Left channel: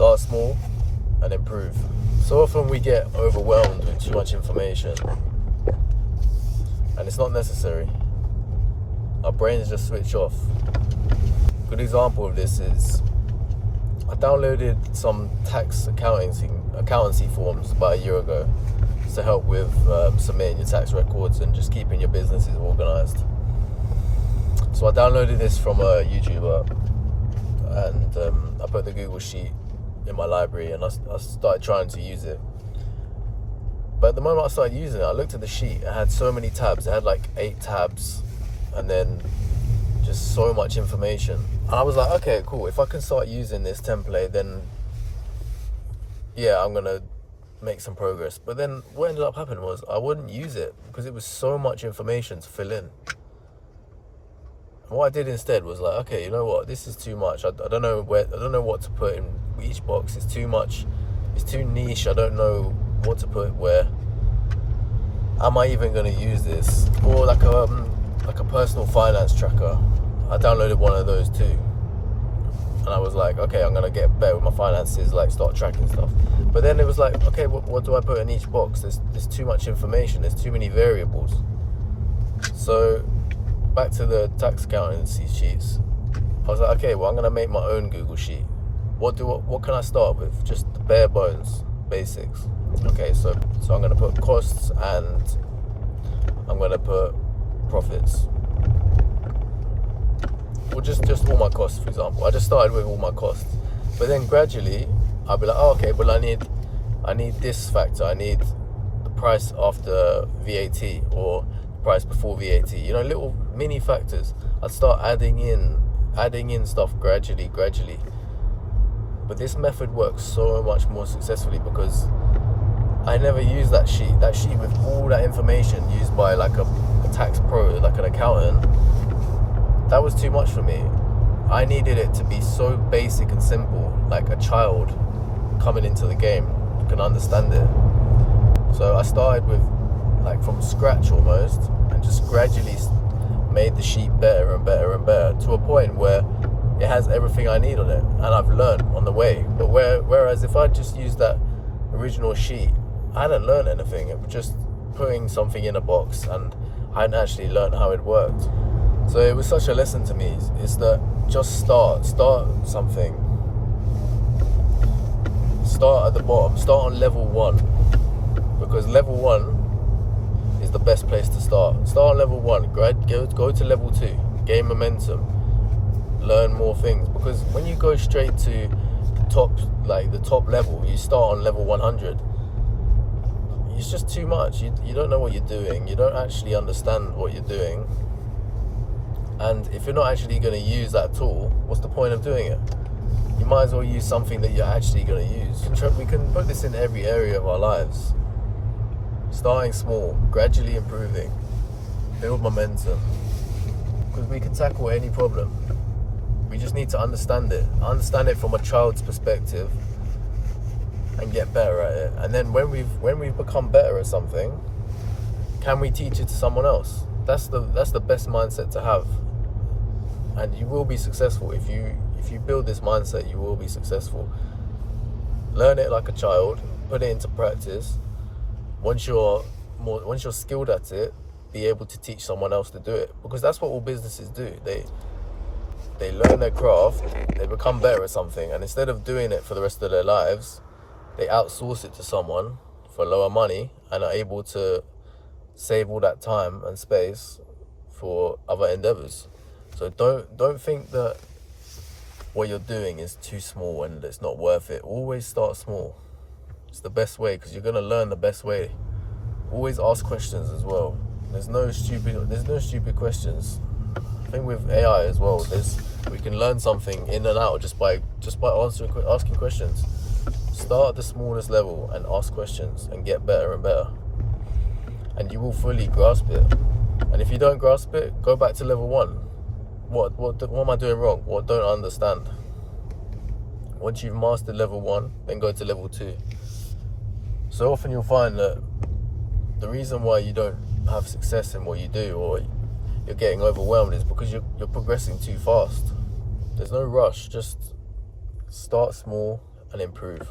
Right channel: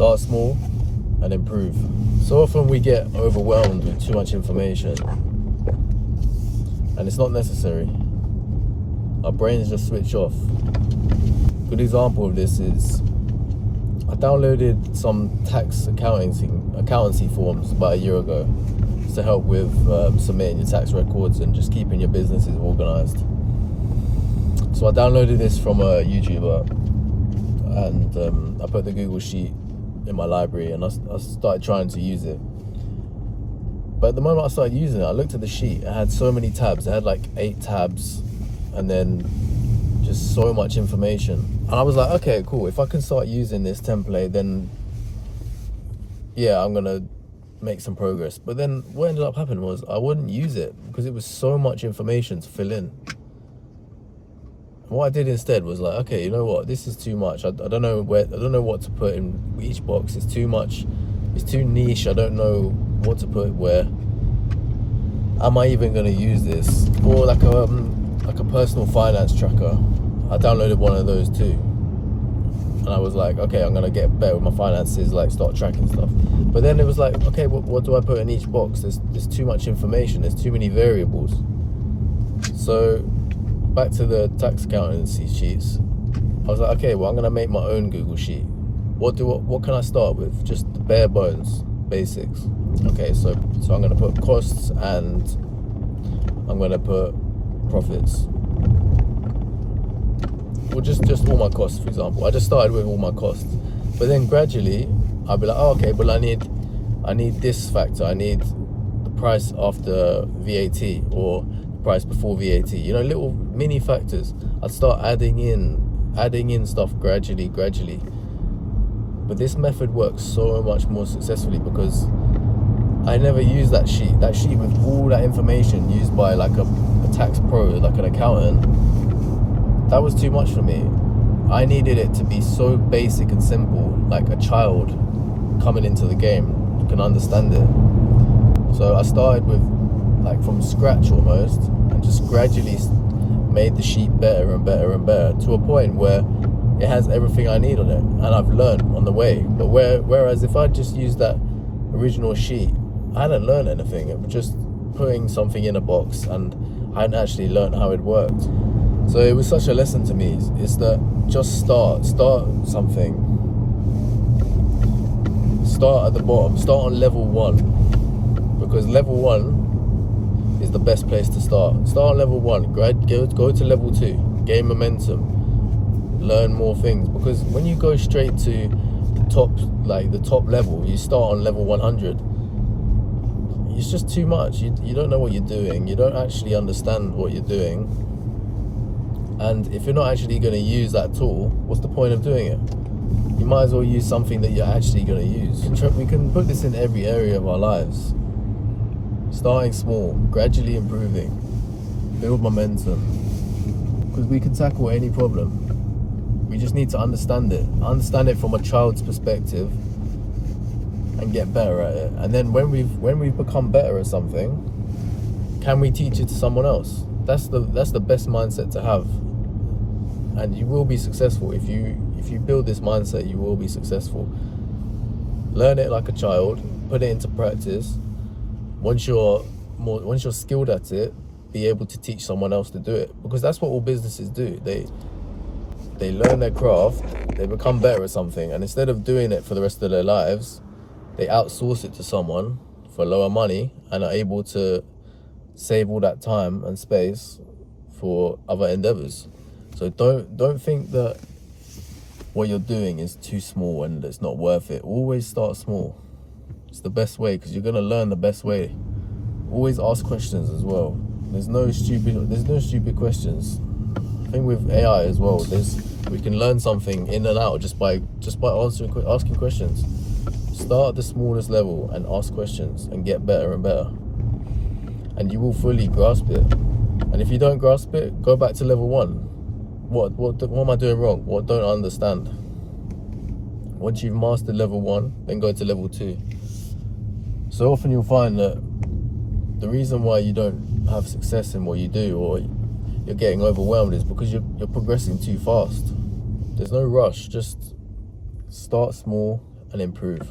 Start small and improve. So often we get overwhelmed with too much information, and it's not necessary. Our brains just switch off. Good example of this is I downloaded some tax accountancy forms about a year ago to help with submitting your tax records and just keeping your businesses organized. So I downloaded this from a YouTuber, and I put the Google Sheet in my library, and I started trying to use it. But the moment I started using it, I looked at the sheet. It had so many tabs. It had like 8 tabs, and then just so much information. And I was like, okay, cool. If I can start using this template, then yeah, I'm gonna make some progress. But then what ended up happening was I wouldn't use it because it was so much information to fill in. And what I did instead was like, okay, you know what? This is too much. I don't know what to put in each box. It's too much. It's too niche. I don't know what to put where. Am I even going to use this? Or like a personal finance tracker. I downloaded one of those too, and I was like, okay, I'm gonna get better with my finances, like start tracking stuff. But then it was like, okay, what do I put in each box? There's too much information. There's too many variables. So back to the tax accountancy sheets. I was like, okay, well, I'm gonna make my own Google Sheet. What can I start with? Just the bare bones, basics. Okay, so I'm gonna put costs and I'm gonna put profits. Or just all my costs, for example. I just started with all my costs, but then gradually I'll be like, oh, okay, well I need this factor. I need the price after VAT or the price before VAT. You know, little mini factors. I'd start adding in stuff gradually. But this method works so much more successfully because I never use that sheet with all that information used by like a tax pro, like an accountant. That was too much for me. I needed it to be so basic and simple, like a child coming into the game, you can understand it. So I started with like from scratch almost, and just gradually made the sheet better and better to a point where it has everything I need on it, and I've learned on the way. But whereas if I just used that original sheet, I hadn't learned anything. It was just putting something in a box, and I hadn't actually learned how it worked. So it was such a lesson to me, is that just start something. Start at the bottom, start on level 1, because level 1 is the best place to start. Start on level 1, go to level 2, gain momentum, learn more things, because when you go straight to the top level, you start on level 100, it's just too much. You don't know what you're doing, you don't actually understand what you're doing. And if you're not actually going to use that tool, what's the point of doing it? You might as well use something that you're actually going to use. We can put this in every area of our lives. Starting small, gradually improving, build momentum. Because we can tackle any problem. We just need to understand it from a child's perspective, and get better at it. And then when we've become better at something, can we teach it to someone else? That's the best mindset to have. And you will be successful. If you build this mindset, you will be successful. Learn it like a child, put it into practice. Once you're skilled at it, be able to teach someone else to do it, because that's what all businesses do. They learn their craft, they become better at something, and instead of doing it for the rest of their lives, they outsource it to someone for lower money and are able to save all that time and space for other endeavors. So don't think that what you're doing is too small and it's not worth it. Always start small. It's the best way, because you're gonna learn the best way. Always ask questions as well. There's no stupid questions. I think with AI as well, we can learn something in and out just by asking questions. Start at the smallest level and ask questions and get better and better, and you will fully grasp it. And if you don't grasp it, go back to level 1. What am I doing wrong? What don't I understand? Once you've mastered level 1, then go to level 2. So often you'll find that the reason why you don't have success in what you do, or you're getting overwhelmed, is because you're progressing too fast. There's no rush. Just start small and improve.